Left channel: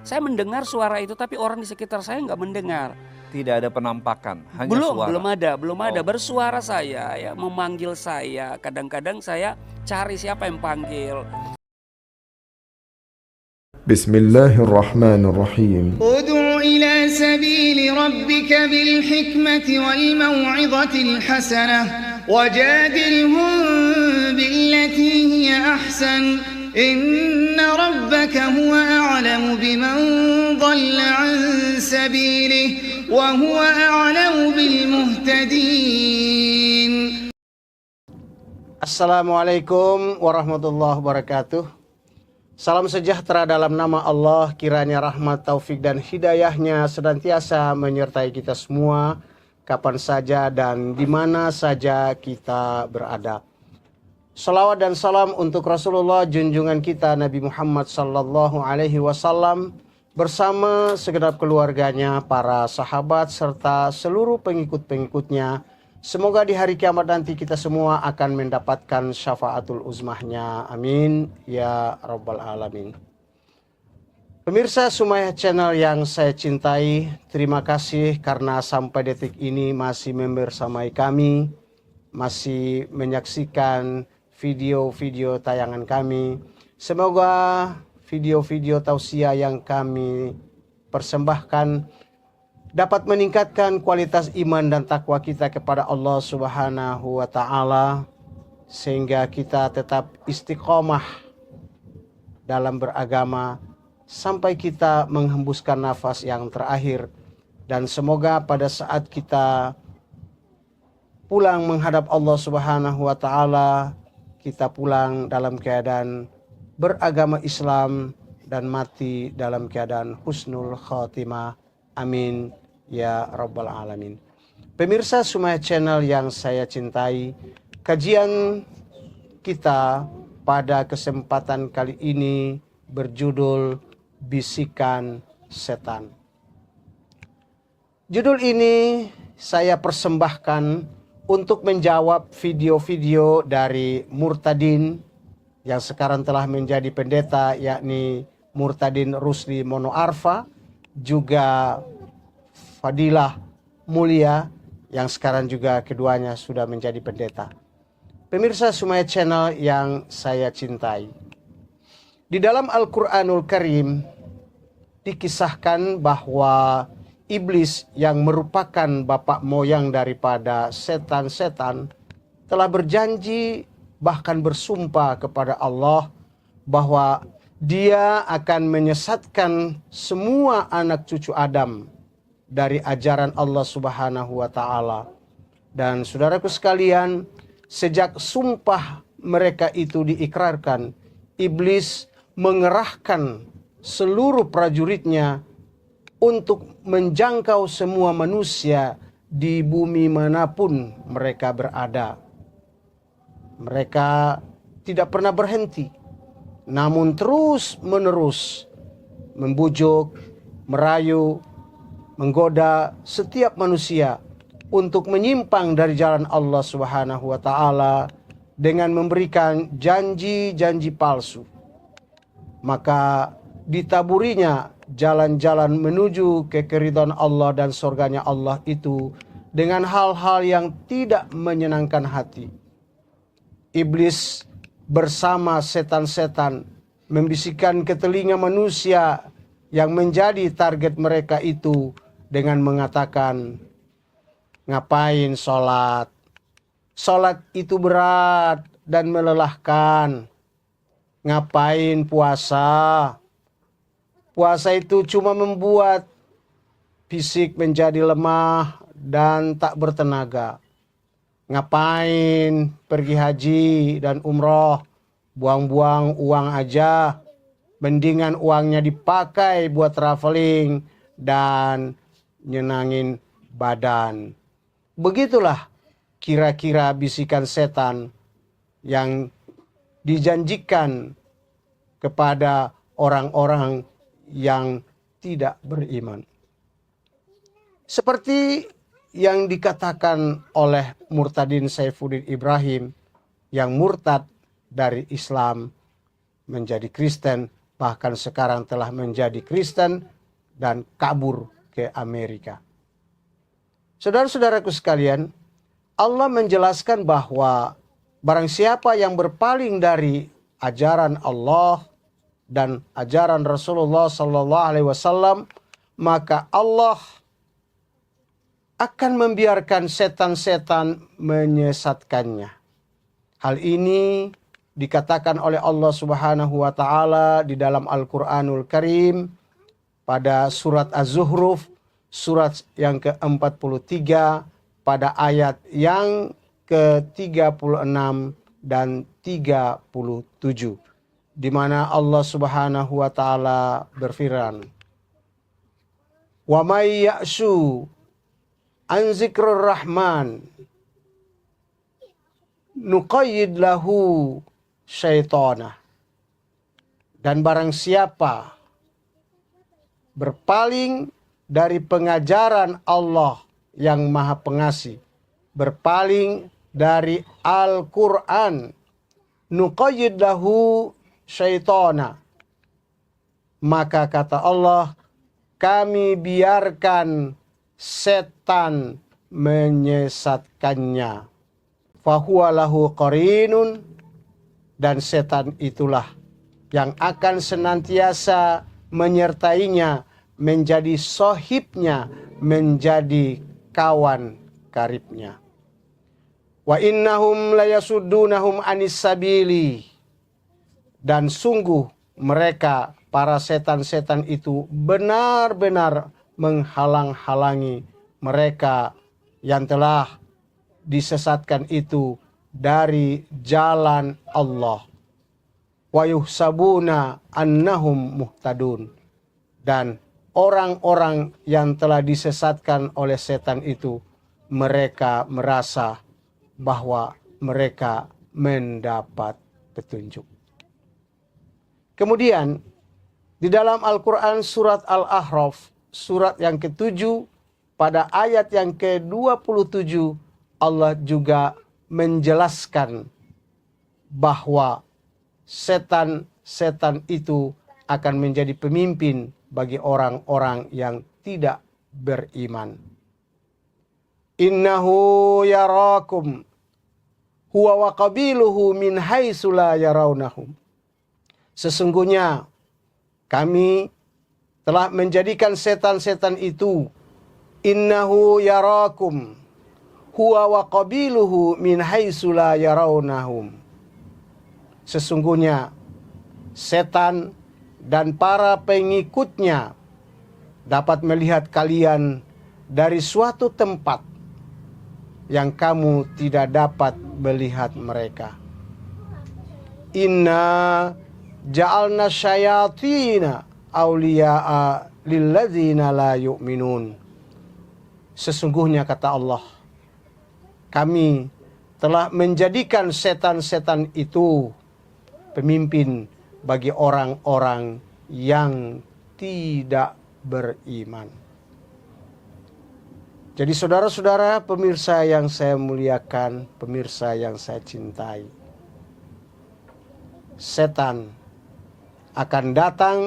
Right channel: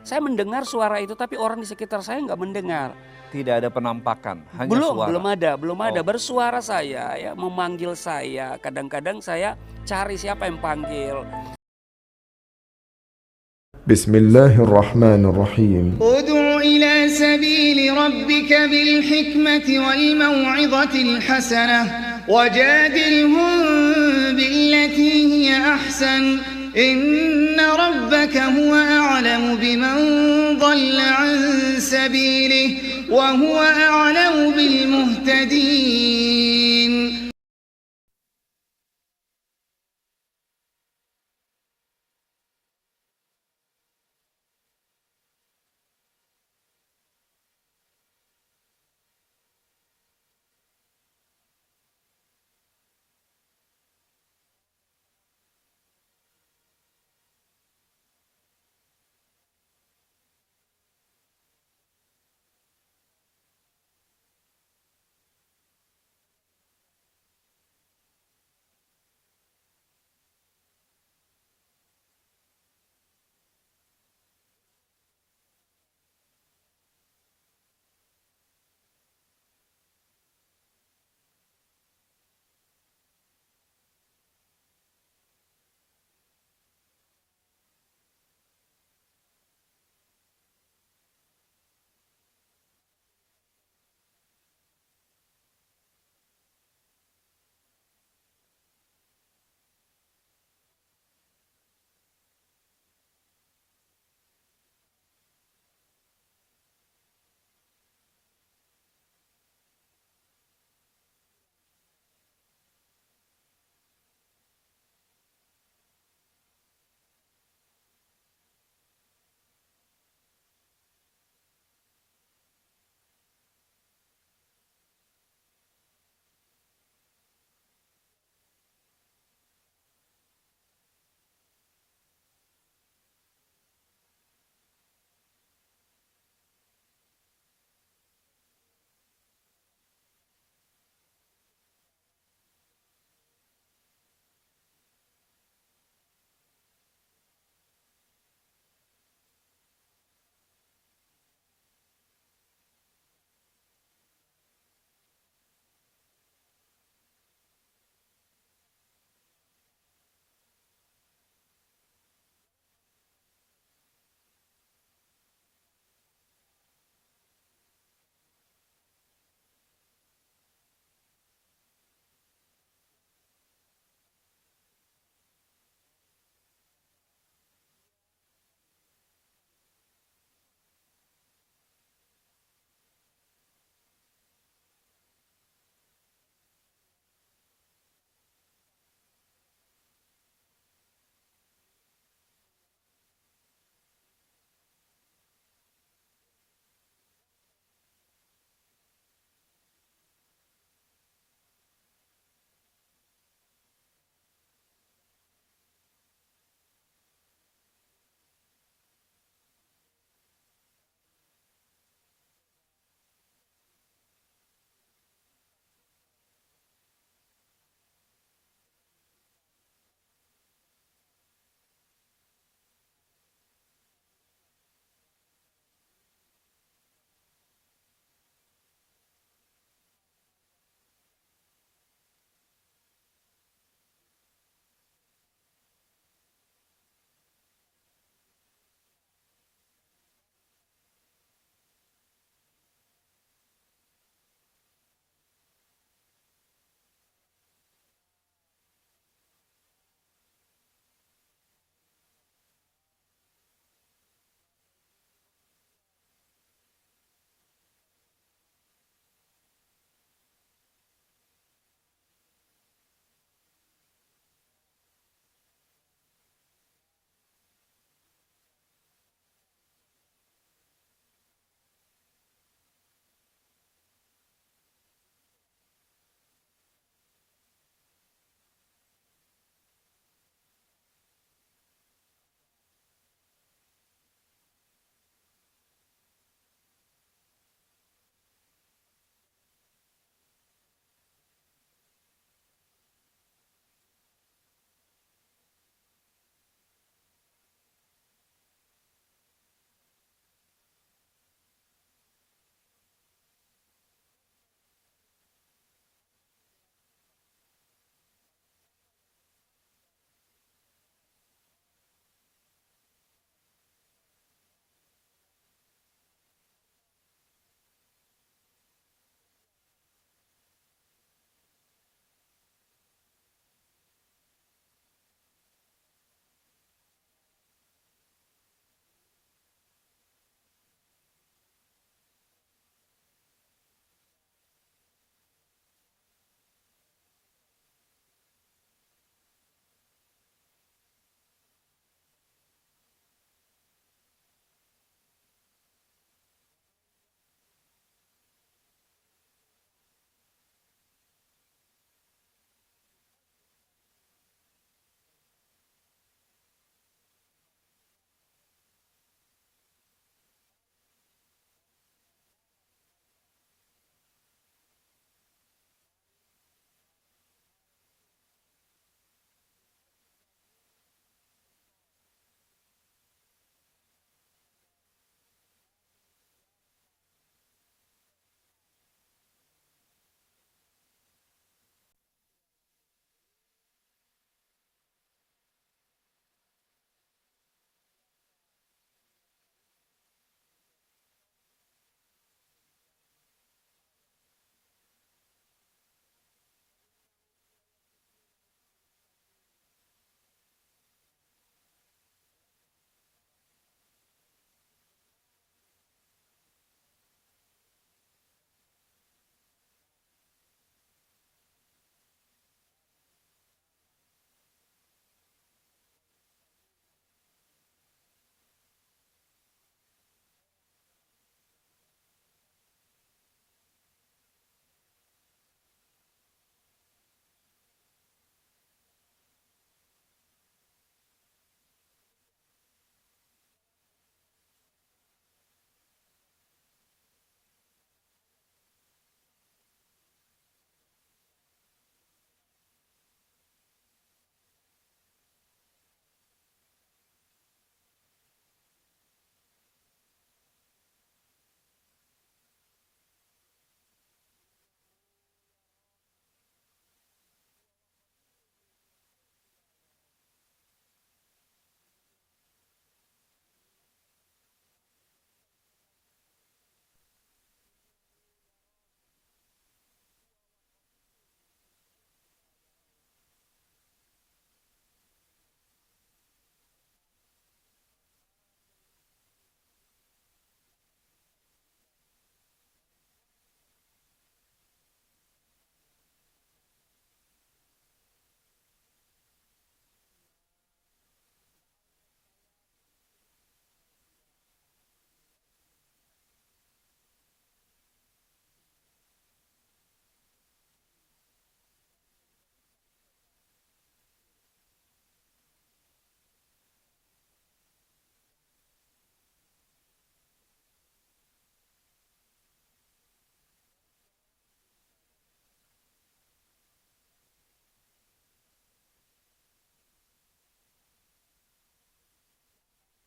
Saya mendengar suara itu tapi orang di sekitar saya nggak mendengar. Tidak ada penampakan, hanya Belum, suara. belum ada. Oh. Bersuara saya ya, memanggil saya. Kadang-kadang saya cari siapa yang panggil. Bismillahirrahmanirrahim. ادع إلى سبيل ربك بالحكمة والموعظة الحسنة وجادلهم بالتي هي أحسن إن ربك هو أعلم بمن ضل عن سبيله وهو أعلم بالمهتدين. Assalamualaikum warahmatullahi wabarakatuh. Salam sejahtera dalam nama Allah, kiranya rahmat, taufik dan hidayahnya senantiasa menyertai kita semua, kapan saja dan di mana saja kita berada. Salawat dan salam untuk Rasulullah junjungan kita Nabi Muhammad sallallahu alaihi wasallam bersama segenap keluarganya, para sahabat serta seluruh pengikut-pengikutnya. Semoga di hari kiamat nanti kita semua akan mendapatkan syafaatul uzmahnya. Amin ya rabbal alamin. Pemirsa Sumayah Channel yang saya cintai, terima kasih karena sampai detik ini masih membersamai kami, masih menyaksikan video-video tayangan kami. Semoga video-video tausiah yang kami persembahkan dapat meningkatkan kualitas iman dan takwa kita kepada Allah Subhanahu wa taala sehingga kita tetap istiqomah dalam beragama sampai kita menghembuskan nafas yang terakhir, dan semoga pada saat kita pulang menghadap Allah Subhanahu wa taala kita pulang dalam keadaan beragama Islam dan mati dalam keadaan husnul khatimah. Amin ya rabbal alamin. Pemirsa Sumayah Channel yang saya cintai, kajian kita pada kesempatan kali ini berjudul Bisikan Setan. Judul ini saya persembahkan untuk menjawab video-video dari Murtadin yang sekarang telah menjadi pendeta, yakni Murtadin Rusdi Monoarfa, juga Fadilah Mulia yang sekarang juga keduanya sudah menjadi pendeta. Pemirsa Sumayah Channel yang saya cintai, di dalam Al-Quranul Karim dikisahkan bahwa iblis yang merupakan bapak moyang daripada setan-setan telah berjanji bahkan bersumpah kepada Allah bahwa dia akan menyesatkan semua anak cucu Adam dari ajaran Allah Subhanahu wa taala. Dan saudaraku sekalian, sejak sumpah mereka itu diikrarkan, iblis mengerahkan seluruh prajuritnya untuk menjangkau semua manusia di bumi manapun mereka berada. Mereka tidak pernah berhenti, namun terus menerus membujuk, merayu, menggoda setiap manusia untuk menyimpang dari jalan Allah Subhanahu wa taala dengan memberikan janji-janji palsu. Maka ditaburinya jalan-jalan menuju ke keridhaan Allah dan surganya Allah itu dengan hal-hal yang tidak menyenangkan hati. Iblis bersama setan-setan membisikkan ke telinga manusia yang menjadi target mereka itu dengan mengatakan, ngapain sholat? Sholat itu berat dan melelahkan. Ngapain puasa? Puasa itu cuma membuat fisik menjadi lemah dan tak bertenaga. Ngapain pergi haji dan umroh? Buang-buang uang aja. Mendingan uangnya dipakai buat traveling dan nyenangin badan. Begitulah kira-kira bisikan setan yang dijanjikan kepada orang-orang yang tidak beriman. Seperti yang dikatakan oleh Murtadin Saifuddin Ibrahim yang murtad dari Islam menjadi Kristen bahkan sekarang telah menjadi Kristen dan kabur ke Amerika. Saudara-saudaraku sekalian, Allah menjelaskan bahwa barang siapa yang berpaling dari ajaran Allah dan ajaran Rasulullah sallallahu alaihi wasallam, maka Allah akan membiarkan setan-setan menyesatkannya. Hal ini dikatakan oleh Allah Subhanahu wa taala di dalam Al-Qur'anul Karim pada surat Az-Zuhruf, surat yang ke-43 pada ayat yang ke-36 dan 37, di mana Allah Subhanahu wa taala berfirman, "Wa may ya'shu an zikrur rahman nuqayyid lahu syaitana." Dan barang siapa berpaling dari pengajaran Allah yang Maha Pengasih, berpaling dari Al-Quran, nuqayyid lahu syaitana, maka kata Allah, kami biarkan setan menyesatkannya. Fahuwa lahu qarinun, dan setan itulah yang akan senantiasa menyertainya, menjadi sohibnya, menjadi kawan karibnya. Wa innahum layasuddunahum anis sabili, dan sungguh mereka para setan-setan itu benar-benar menghalang-halangi mereka yang telah disesatkan itu dari jalan Allah. Wa yuhsabuna annahum muhtadun, dan orang-orang yang telah disesatkan oleh setan itu, mereka merasa bahwa mereka mendapat petunjuk. Kemudian di dalam Al-Quran surat Al-A'raf, surat yang ke-7 pada ayat yang ke-27, Allah juga menjelaskan bahwa setan-setan itu akan menjadi pemimpin bagi orang-orang yang tidak beriman. Innahu yarakum huwa wa qabiluhu min haitsu la yarawnahum. Sesungguhnya kami telah menjadikan setan-setan itu, innahu yarakum huwa wa qabiluhu min haitsu la yarawnahum. Sesungguhnya setan dan para pengikutnya dapat melihat kalian dari suatu tempat yang kamu tidak dapat melihat mereka. Inna ja'alna syayatina awliya'a lilladzina la yu'minun. Sesungguhnya kata Allah, kami telah menjadikan setan-setan itu pemimpin bagi orang-orang yang tidak beriman. Jadi saudara-saudara, pemirsa yang saya muliakan, pemirsa yang saya cintai, setan akan datang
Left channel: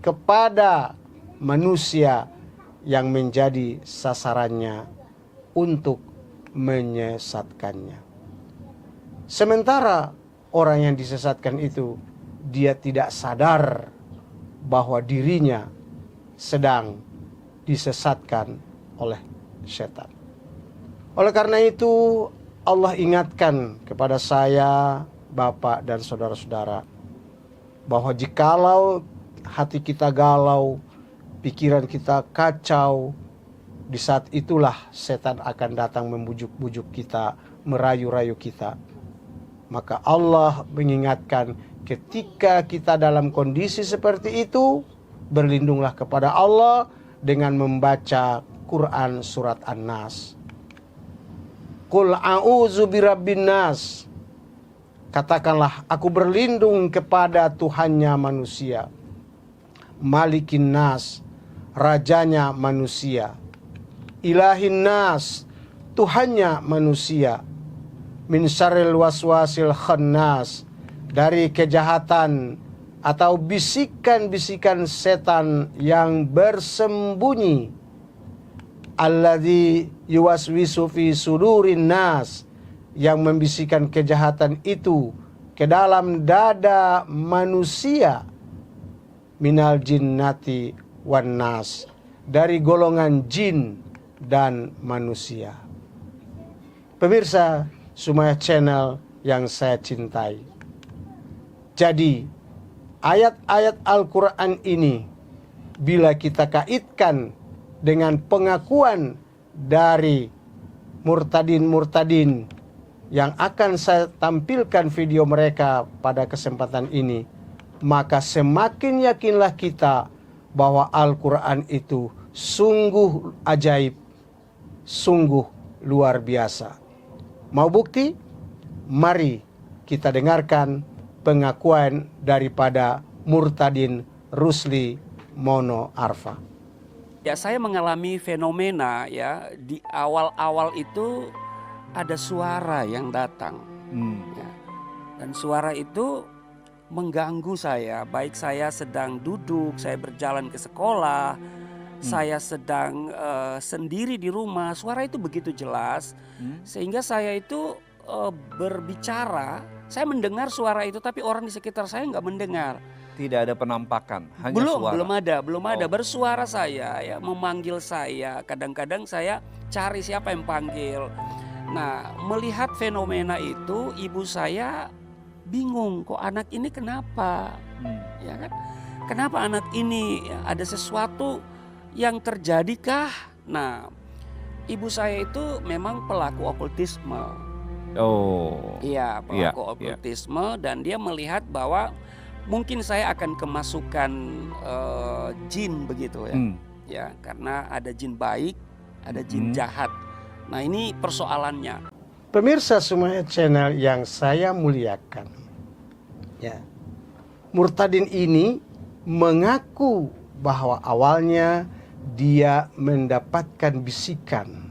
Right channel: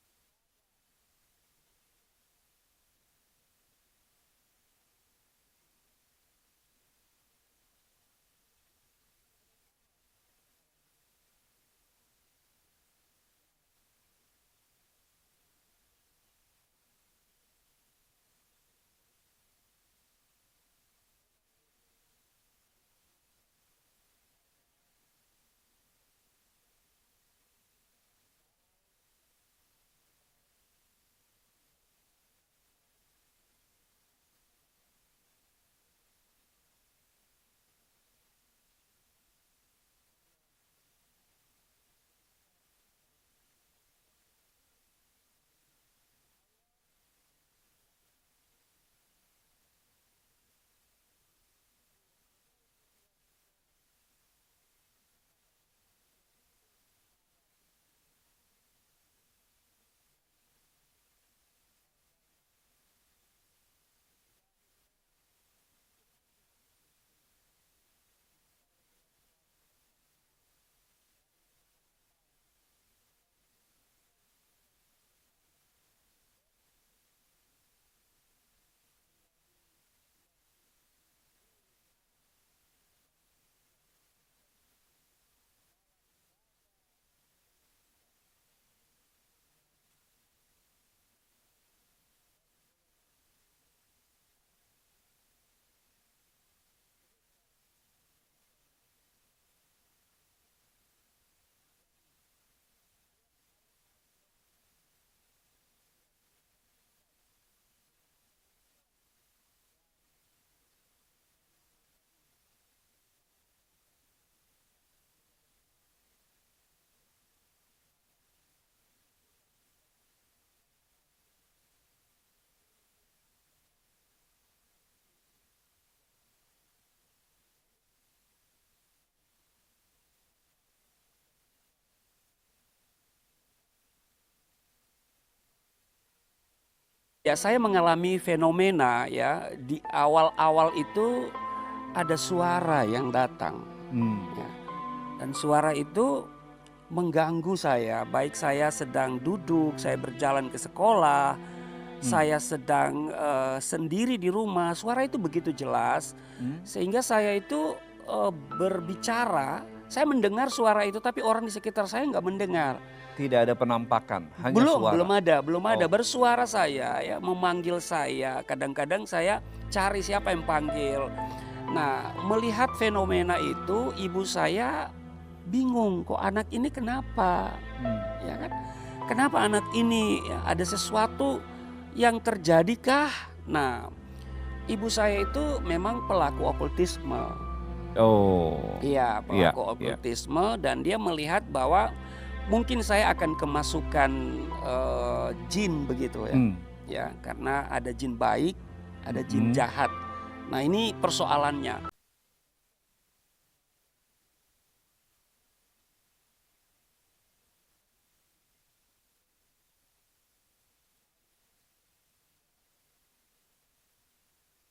kepada manusia yang menjadi sasarannya untuk menyesatkannya. Sementara orang yang disesatkan itu, dia tidak sadar bahwa dirinya sedang disesatkan oleh setan. Oleh karena itu, Allah ingatkan kepada saya, Bapak dan saudara-saudara, bahwa jikalau hati kita galau, pikiran kita kacau, di saat itulah setan akan datang membujuk-bujuk kita, merayu-rayu kita. Maka Allah mengingatkan, ketika kita dalam kondisi seperti itu, berlindunglah kepada Allah dengan membaca Quran surat An-Nas. Qul a'udzu birabbin nas. Katakanlah, aku berlindung kepada Tuhannya manusia. Malikin nas, rajanya manusia. Ilahin nas, Tuhannya manusia. Min syarril waswasil khannas, dari kejahatan atau bisikan-bisikan setan yang bersembunyi, alladzi yuwaswisu fi sudurin nas, yang membisikkan kejahatan itu ke dalam dada manusia, minal jinnati wan nas, dari golongan jin dan manusia. Pemirsa Sumaya Channel yang saya cintai, jadi ayat-ayat Al-Quran ini bila kita kaitkan dengan pengakuan dari murtadin-murtadin yang akan saya tampilkan video mereka pada kesempatan ini, maka semakin yakinlah kita bahwa Al-Quran itu sungguh ajaib, sungguh luar biasa. Mau bukti? Mari kita dengarkan pengakuan daripada Murtadin Rusli Mono Arfa. Ya, saya mengalami fenomena ya, di awal-awal itu ada suara yang datang. Ya. Dan suara itu mengganggu saya, baik saya sedang duduk, saya berjalan ke sekolah, saya sedang sendiri di rumah, suara itu begitu jelas, sehingga saya itu berbicara, saya mendengar suara itu, tapi orang di sekitar saya nggak mendengar. Tidak ada penampakan, hanya suara. Belum ada. Bersuara saya, ya, memanggil saya. Kadang-kadang saya cari siapa yang panggil. Nah, melihat fenomena itu, ibu saya bingung, kok anak ini kenapa? Ya kan? Kenapa anak ini, ya, ada sesuatu yang terjadikah? Nah, ibu saya itu memang pelaku okultisme. Oh. Iya, pelaku okultisme, dan dia melihat bahwa mungkin saya akan kemasukan jin begitu ya. Ya, karena ada jin baik, ada jin jahat. Nah, ini persoalannya. Pemirsa Sumaya Channel yang saya muliakan, ya, Murtadin ini mengaku bahwa awalnya dia mendapatkan bisikan,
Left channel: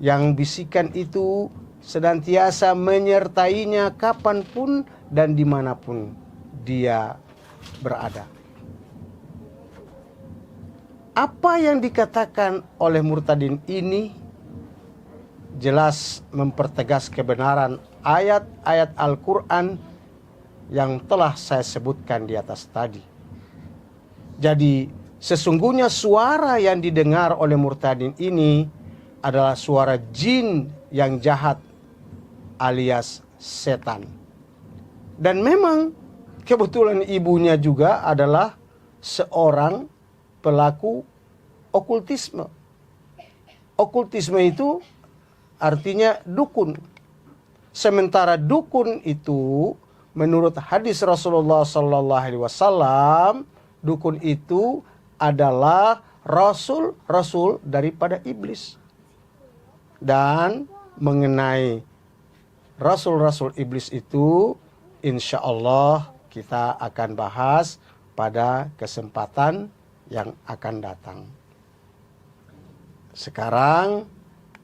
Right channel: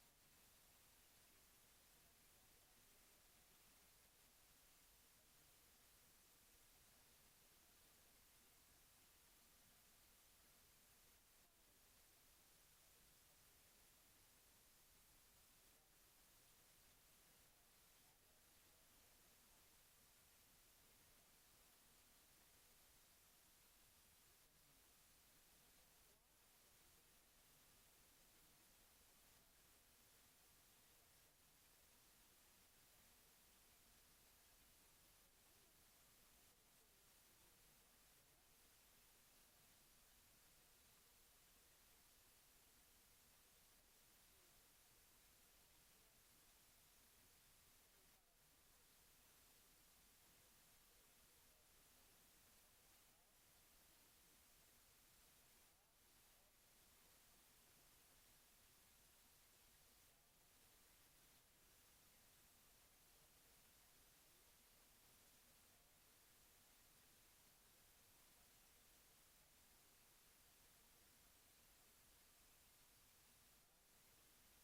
yang bisikan itu senantiasa menyertainya kapanpun dan dimanapun dia berada. Apa yang dikatakan oleh Murtadin ini jelas mempertegas kebenaran ayat-ayat Al-Quran yang telah saya sebutkan di atas tadi. Jadi sesungguhnya suara yang didengar oleh Murtadin ini adalah suara jin yang jahat alias setan. Dan memang kebetulan ibunya juga adalah seorang pelaku okultisme. Okultisme itu artinya dukun. Sementara dukun itu menurut hadis Rasulullah SAW, dukun itu adalah rasul-rasul daripada iblis. Dan mengenai rasul-rasul iblis itu, insya Allah kita akan bahas pada kesempatan yang akan datang. Sekarang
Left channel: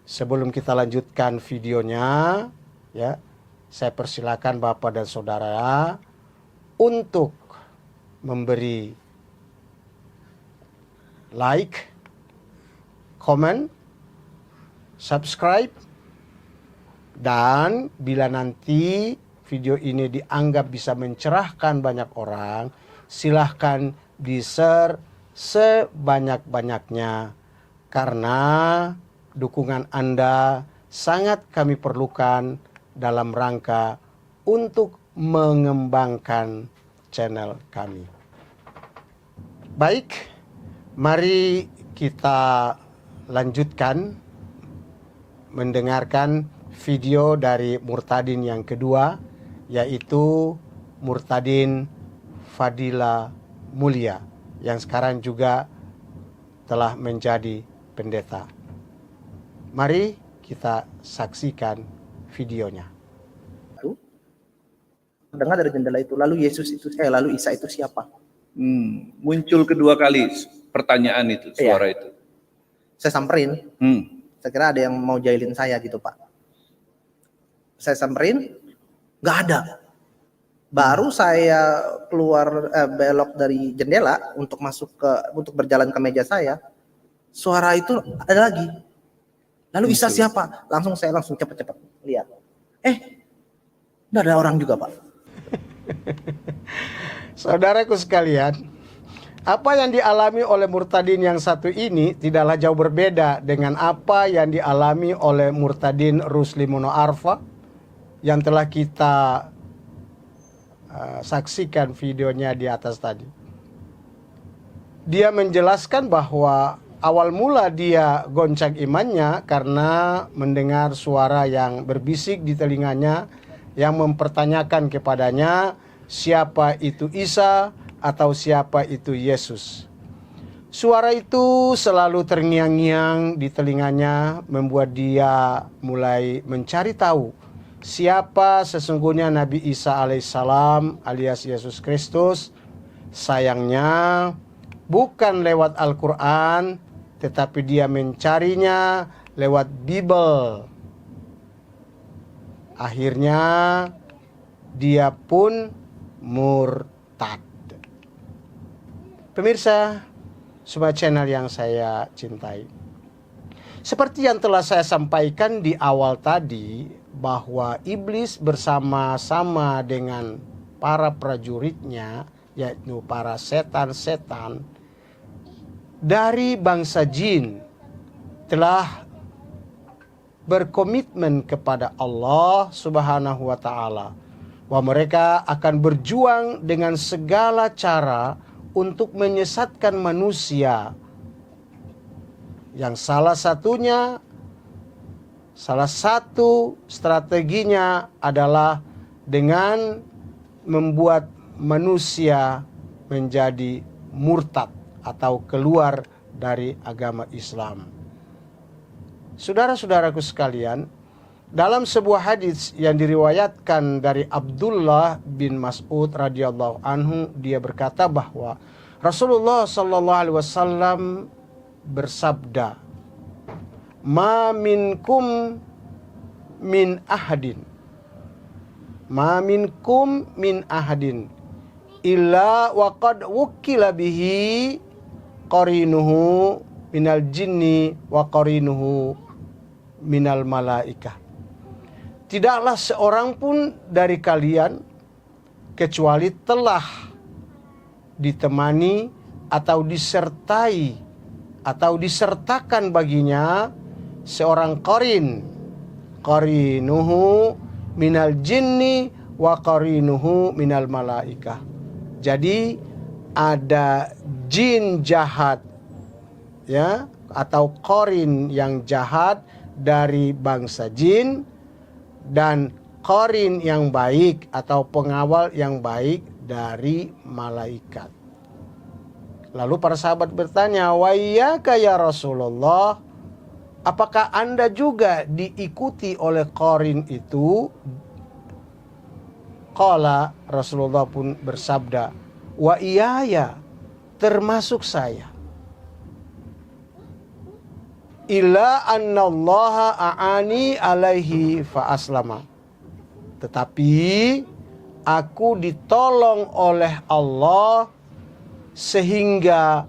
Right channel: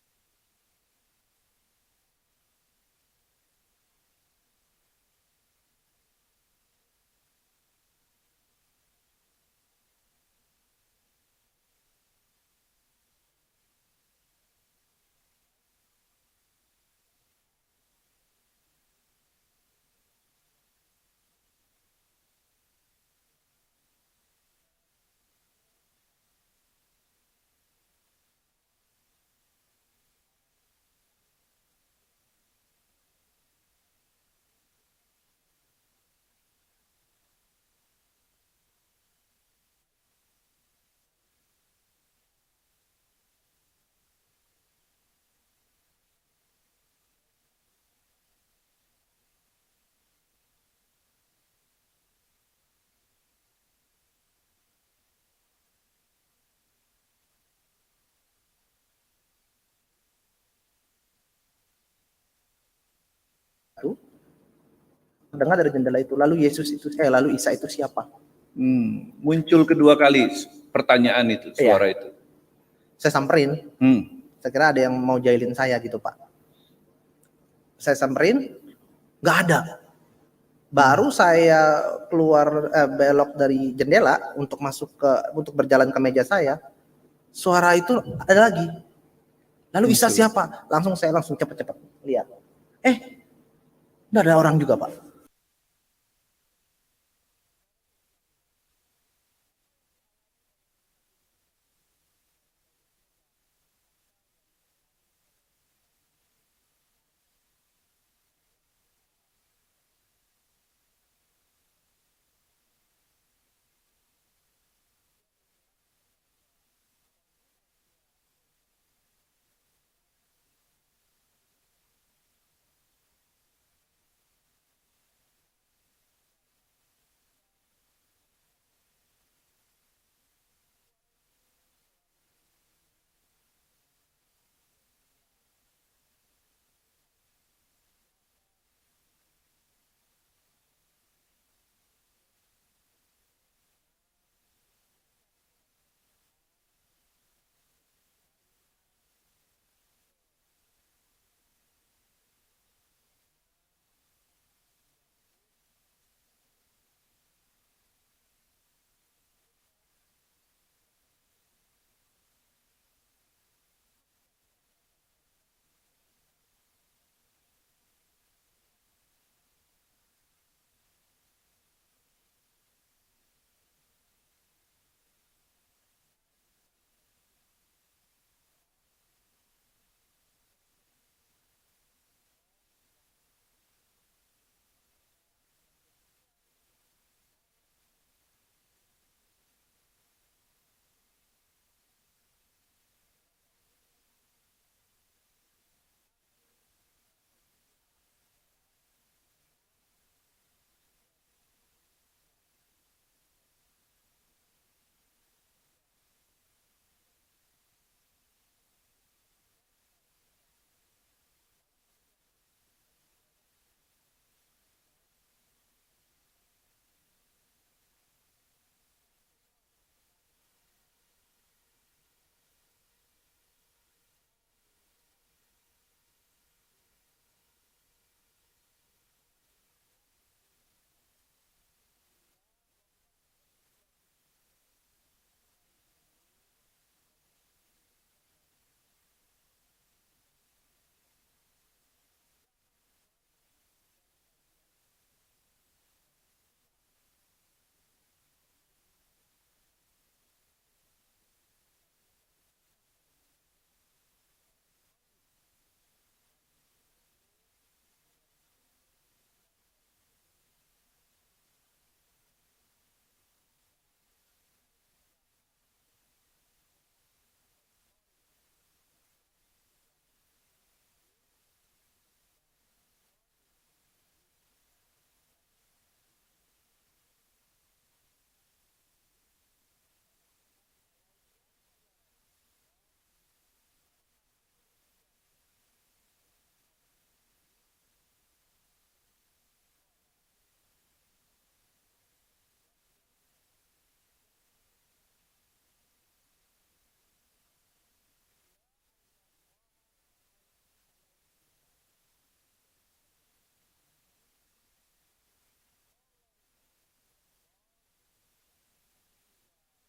sebelum kita lanjutkan videonya, ya, saya persilakan Bapak dan Saudara untuk memberi like, comment, subscribe, dan bila nanti video ini dianggap bisa mencerahkan banyak orang, silahkan di-share sebanyak-banyaknya, karena dukungan Anda sangat kami perlukan dalam rangka untuk mengembangkan channel kami. Baik, mari kita lanjutkan mendengarkan video dari Murtadin yang kedua, yaitu Murtadin Fadila Mulia, yang sekarang juga telah menjadi pendeta. Mari kita saksikan videonya. Dengar dari jendela itu, lalu lalu Isa itu siapa? Muncul kedua kali pertanyaan itu, suara itu. Saya samperin. Saya kira ada yang mau jahilin saya gitu, Pak. Saya samperin, nggak ada. Baru saya keluar belok dari jendela untuk untuk berjalan ke meja saya, suara itu ada lagi. Lalu Isa siapa? Saya langsung cepat-cepat lihat. Udah ada orang juga, Pak. Saudaraku sekalian, apa yang dialami oleh murtadin yang satu ini tidaklah jauh berbeda dengan apa yang dialami oleh murtadin Rusli Mono Arfa yang telah kita saksikan videonya di atas tadi. Dia menjelaskan bahwa awal mula dia goncang imannya karena mendengar suara yang berbisik di telinganya yang mempertanyakan kepadanya siapa itu Isa atau siapa itu Yesus. Suara itu selalu terngiang-ngiang di telinganya membuat dia mulai mencari tahu siapa sesungguhnya Nabi Isa alaihissalam alias Yesus Kristus. Sayangnya bukan lewat Al-Quran, tetapi dia mencarinya lewat Bible. Akhirnya dia pun murtad. Pemirsa, semua channel yang saya cintai. Seperti yang telah saya sampaikan di awal tadi, bahwa iblis bersama-sama dengan para prajuritnya, yaitu para setan-setan dari bangsa jin, telah berkomitmen kepada Allah Subhanahu wa Ta'ala, bahwa mereka akan berjuang dengan segala cara untuk menyesatkan manusia, yang salah satu strateginya adalah dengan membuat manusia menjadi murtad atau keluar dari agama Islam. Saudara-saudaraku sekalian, dalam sebuah hadis yang diriwayatkan dari Abdullah bin Mas'ud radhiyallahu anhu, dia berkata bahwa Rasulullah sallallahu alaihi wasallam bersabda, "Ma minkum min ahadin illa waqad wukila bihi qarinuhu minal jinni wa qarinuhu minal malaikah." Tidaklah seorang pun dari kalian kecuali telah ditemani atau disertai atau disertakan baginya seorang qarinuhu minal jinni wa qarinuhu minal malaikah. Jadi ada jin jahat, ya, atau qarin yang jahat dari bangsa jin, dan qarin yang baik atau pengawal yang baik dari malaikat. Lalu para sahabat bertanya, "Wa iyyaka ya Rasulullah, apakah Anda juga diikuti oleh qarin itu?" Qala, Rasulullah pun bersabda, "Wa iyaya, termasuk saya. Illa annallaha a'ani alaihi fa aslama." Tetapi aku ditolong oleh Allah sehingga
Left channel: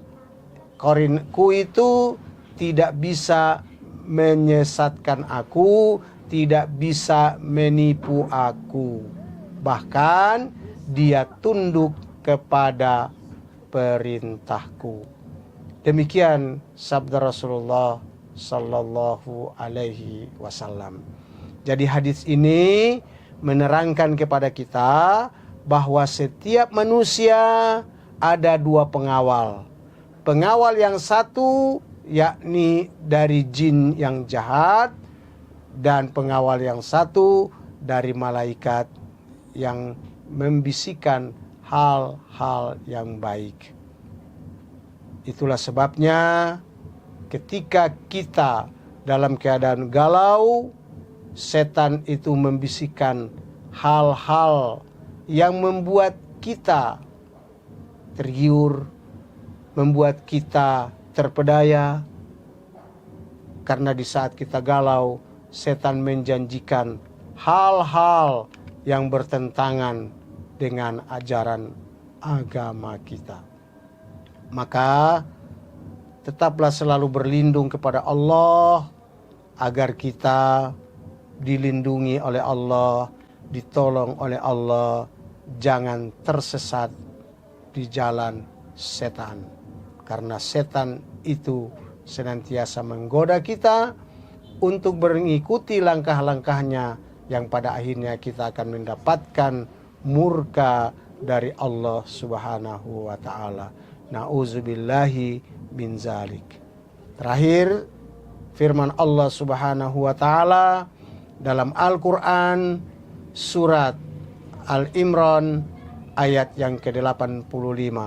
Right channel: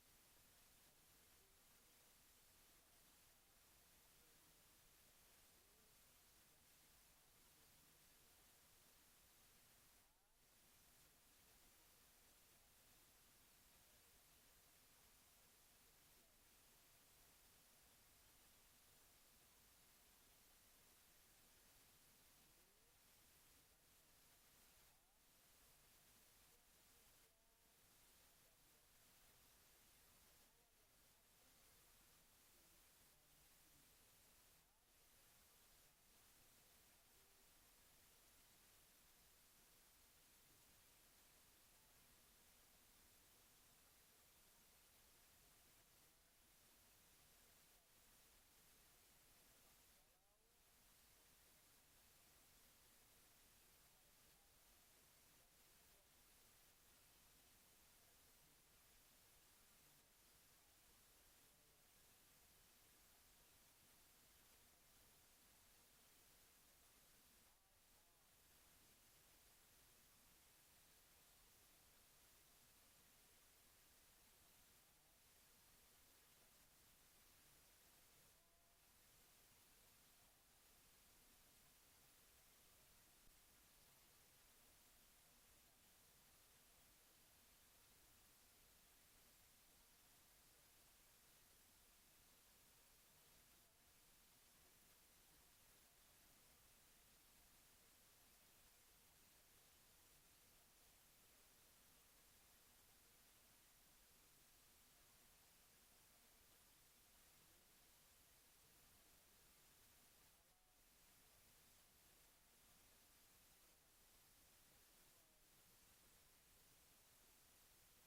qarinku itu tidak bisa menyesatkan aku, tidak bisa menipu aku. Bahkan dia tunduk kepada perintahku. Demikian sabda Rasulullah sallallahu alaihi wasallam. Jadi hadis ini menerangkan kepada kita bahwa setiap manusia ada dua pengawal. Pengawal yang satu yakni dari jin yang jahat, dan pengawal yang satu dari malaikat yang membisikkan hal-hal yang baik. Itulah sebabnya ketika kita dalam keadaan galau, setan itu membisikkan hal-hal yang membuat kita tergiur, membuat kita terpedaya. Karena di saat kita galau, setan menjanjikan hal-hal yang bertentangan dengan ajaran agama kita. Maka tetaplah selalu berlindung kepada Allah agar kita dilindungi oleh Allah, ditolong oleh Allah, jangan tersesat di jalan setan. Karena setan itu senantiasa menggoda kita untuk mengikuti langkah-langkahnya yang pada akhirnya kita akan mendapatkan murka dari Allah Subhanahu wa taala. Nauzubillahi min zalik. Terakhir, firman Allah Subhanahu wa taala dalam Al-Qur'an surat Al-Imran ayat yang ke-85.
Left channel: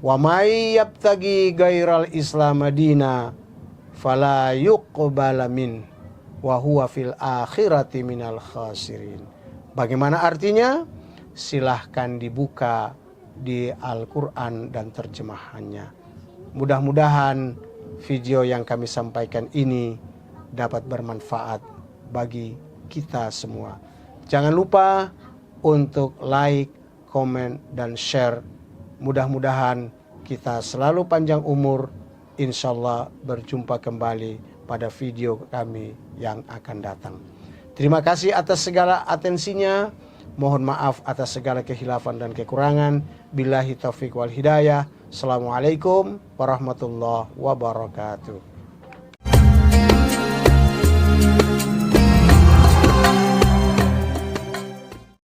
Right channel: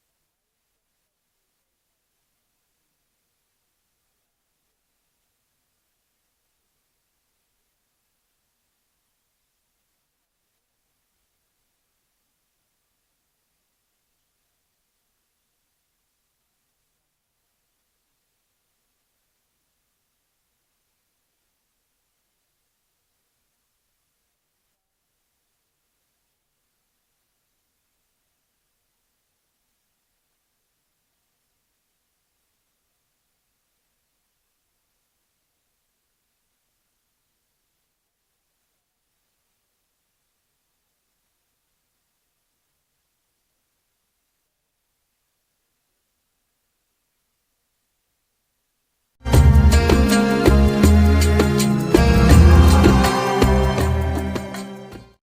Wa may yabtagi ghairal islam madina fala yuqbala min wa huwa fil akhirati minal khasirin. Bagaimana artinya? Silahkan dibuka di Al-Quran dan terjemahannya. Mudah-mudahan video yang kami sampaikan ini dapat bermanfaat bagi kita semua. Jangan lupa untuk like, komen, dan share. Mudah-mudahan kita selalu panjang umur. Insyaallah berjumpa kembali pada video kami yang akan datang. Terima kasih atas segala atensinya. Mohon maaf atas segala kehilafan dan kekurangan. Billahi taufiq wal hidayah. Assalamualaikum warahmatullahi wabarakatuh.